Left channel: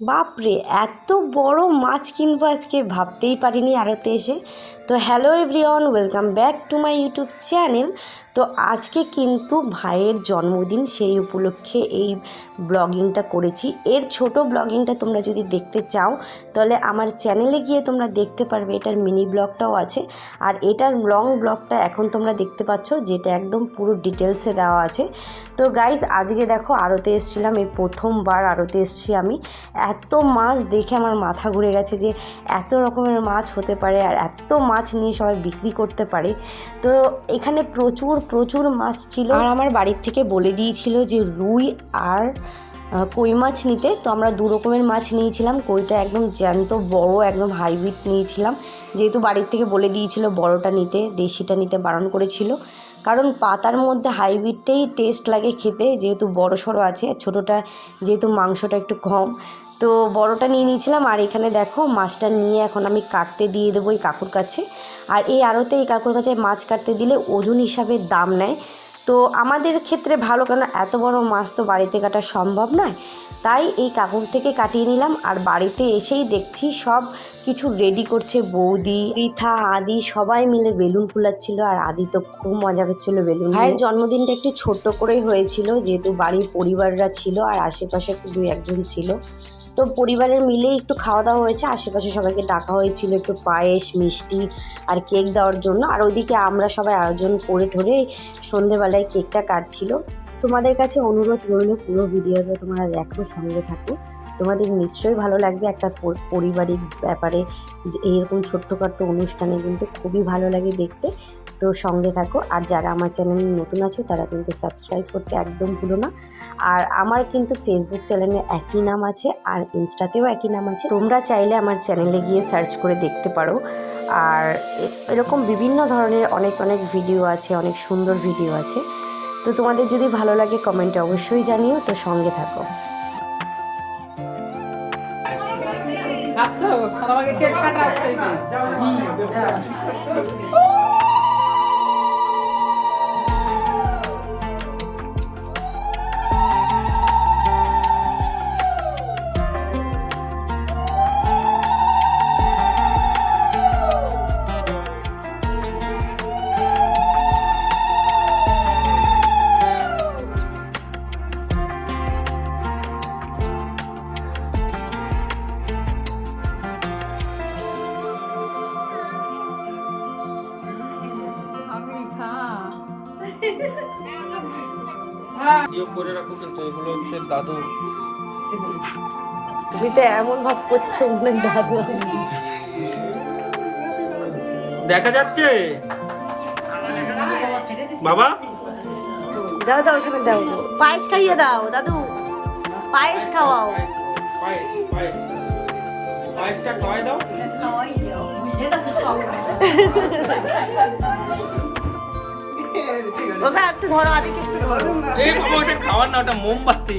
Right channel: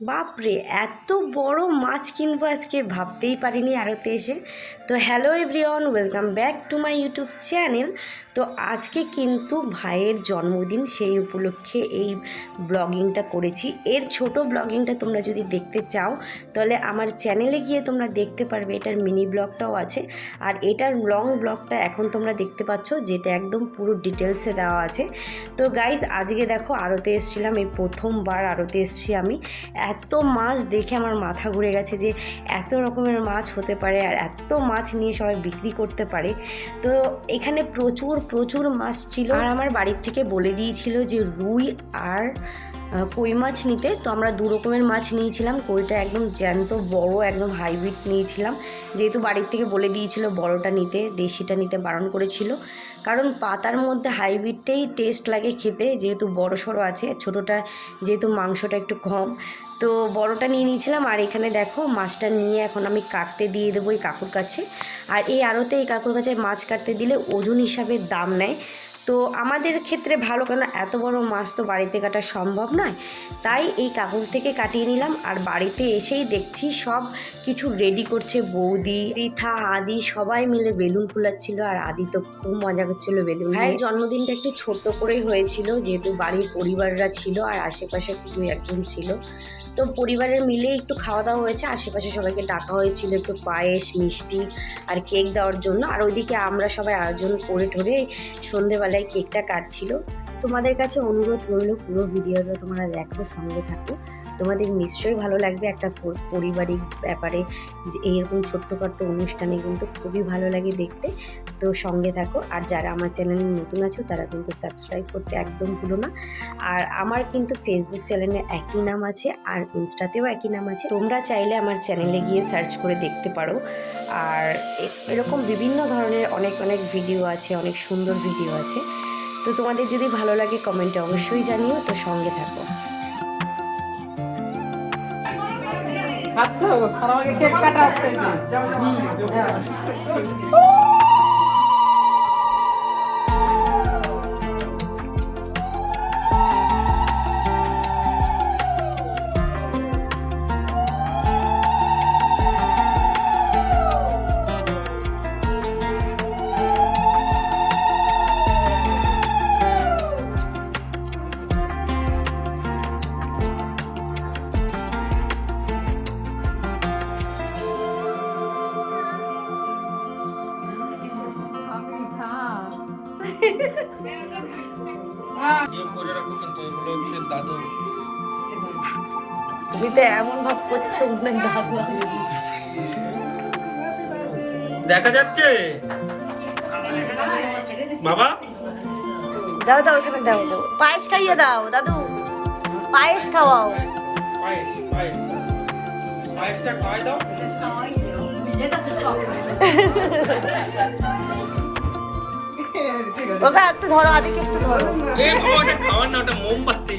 বাপরে, এত বড় মাছ কিনবো আজকে ভাবতেই পারিনি আড়তে এসে। তো hello everyone, welcome back to my YouTube channel. তো আজকে কিন্তু ভাইয়ের জন্মদিন, সেই উপলক্ষে এই ব্লগিংটা করেছি। এর ছোট ব্লগিংটা তোমরা যদি দেখতে চাও তাহলে আমার চ্যানেলে গিয়ে তোমরা দেখতে পারবে। এটার মিনি ব্লগটাও আছে, আর এটার লং ব্লগটা এখন তোমরা দেখতে পাচ্ছ, যেটা একদম পুরো ডিটেলসে দেওয়া আছে। তো গাইজ, আজকে দেখো আড়তে এসেছিলাম, এই প্রথমবার আড়তে এসেছি আমি। এত মাছ দেখে আমার মাথা ঘুরে গেছে যে এত রকমের মাছ হতে পারে আর এত মাছ নিয়ে সবাই বিক্রি করতে পারে। তো এখানে প্রচুর প্রচুর মাছ ছিল, আর আমার বাড়ির থেকে বলে দিয়েছিল যে রুই আর কই মাছ নিতে। তো আমরা দু রকমের মাছ নিয়েছিলাম। কইটা একদম জ্যান্ত বড়, একদম হাইব্রিড নিয়েছিলাম, যেহেতু বাড়ির থেকে বলে দিয়েছিল বড়টা নিতে, দেশিটা নিতে বারণ করেছিল। কারণ পাতার মধ্যে হাইব্রিডটাই টেস্ট লাগে খেতে, যেহেতু বড় সড়ো আছে, ছোটোটা যেহেতু মাংসটা একটু কম। তো বড়টা নিয়ে নিয়েছিলাম। আর এখানে দেখো মাছটা নিয়ে এখন আমি কাটতে দিয়ে দেবো এই কাকুর কাছে। আর এই আড়তে এই কাকুর কাছে মাছ কাটতে দিলে ওজন হিসাবে দাম নেয়। তো আমাদের ক্ষেত্রে ভালো, কেন এত বড় মাছ তো বাড়িতে কাটা সম্ভব নয়, তাই এই কাকুর থেকে কাটিয়ে নিলাম। আর বাড়িতে এসেই দেখছি সব কিছু রেডি করছে বৌদি, রিথা, আদি সবাই মিলে বেলুন ফুলাচ্ছিল। আর আদি তো খুব মজা করছিল বেলুন। ভাইয়ের জন্মদিনটা একটু ছোট্ট করেই হয়েছিল, যেহেতু বাড়ির পরিবাররা ছিল আর আশেপাশে দু একজন ছিল। তো পরিবারের মিলে একটু খাওয়া দাওয়া হয়েছে, আশেপাশে সবাইকে ডাকা হয়েছিল একটু পায়েস, মিষ্টি আর কেক দেওয়ার জন্য। আর ওইদিকে আমরা সবাই আয়োজন করে ঠরে সন্ধেবেলায় কেকটা কাটছিল। তোমাদের কাছে অনুরোধ রইল, পুরো ভিডিওটা তোমরা দেখো, সঙ্গে থাকো, তোমাদের নিশ্চয়ই ভালো লাগবে। একটা পারিবারিক ব্যাপারে যে এইরকম ছোট্টখাট্টো অনুষ্ঠানে কিন্তু খুবই ভালো লাগে দেখতে। তো সঙ্গে থাকো। আর যারা আমার চ্যানেলে নতুন আছো তারা কিন্তু সাবস্ক্রাইব করতে একদম ভুলো না। আর আমার কিন্তু ফেসবুক চ্যানেলে একই নাম আছে, আর ইনস্টাতেও একই নাম আছে, তোমরা চাইলে আমার চ্যানেলে গিয়ে সার্চ করে দেখতে পারো। আর এরকম বিভিন্ন ধরনের অনেক অনেক ভিডিও আছে, অনেক সুন্দর ভিডিও আছে। তো তোমাদের যদি ভালো লাগে কমেন্টে অবশ্যই জানিও। তো সঙ্গে থাকো। দাদু, তুমি তো এমন ভাব করছো মনে হয় দাদু। দেখা যাচ্ছে বাবা। দাও দাও, এখানে দাও দাও, পায়েস খাইয়ে দাও দাদু, পায়েস খাওয়াও। পায়েসটা খাওয়াই দাও। ওটা একটু ধরো, আদিকে একটু ধরো। এই বাবা, ওটা খাওয়ার না, ওটা মোমবাতি।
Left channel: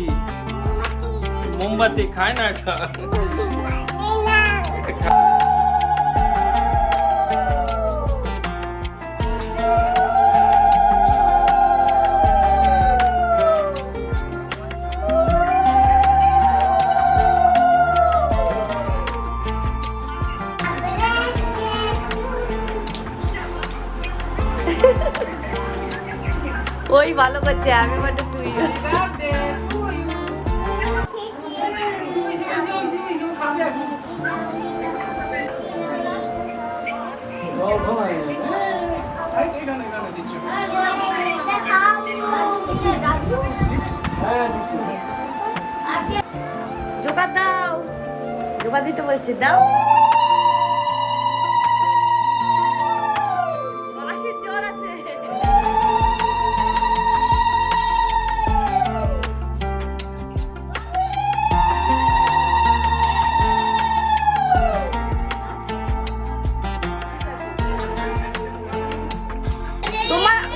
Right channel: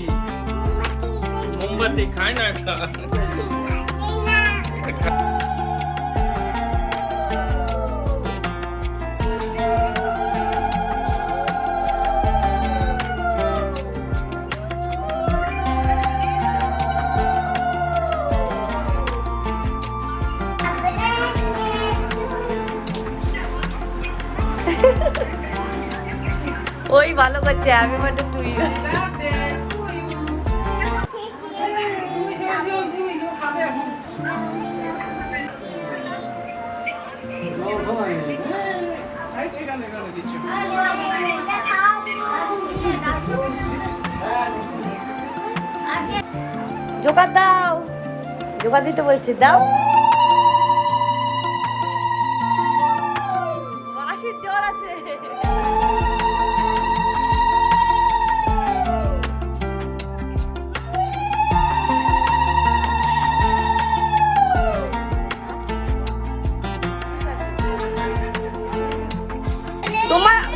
মোমবাতি খায় না এটা। ওই ভালো করছে, আমি মানে তুই। জোগাড় দাও, জোগাড় দিতে বলছে, দাও। বাঁশির জ্বর আছে।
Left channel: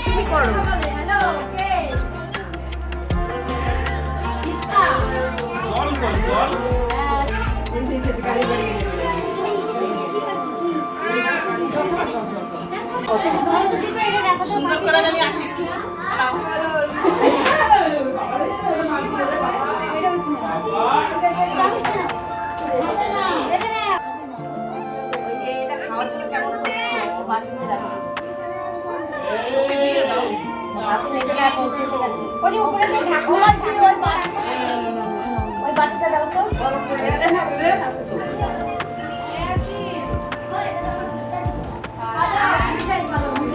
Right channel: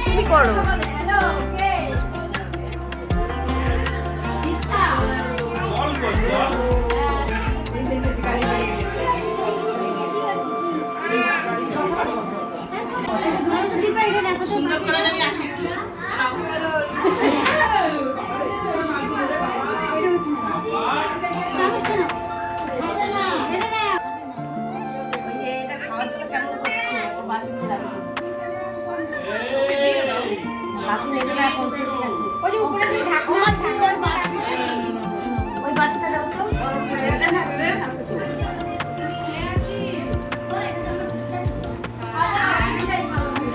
তুমি করো। জল কই, জল। যে উপরে যে ঢাকনা ওই বাটিটা দাও তো।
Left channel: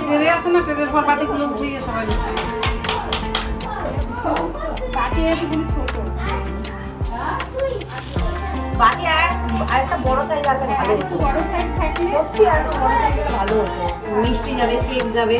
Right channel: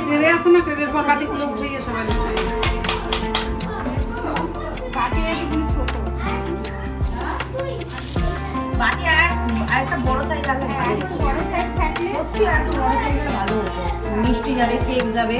টেরে আছে না, টেরের পর বাটিগুলো উঠিয়ে গেছে সবাই। বাটি এগুলো ছোট। বাকি আর একটা বড় সাইজ আছে, আর একটু বড় সাইজ থাকলে সত্যি আর একটু বড় সাইজ ভালো হতো, মিষ্টি যাবে, কেক যাবে।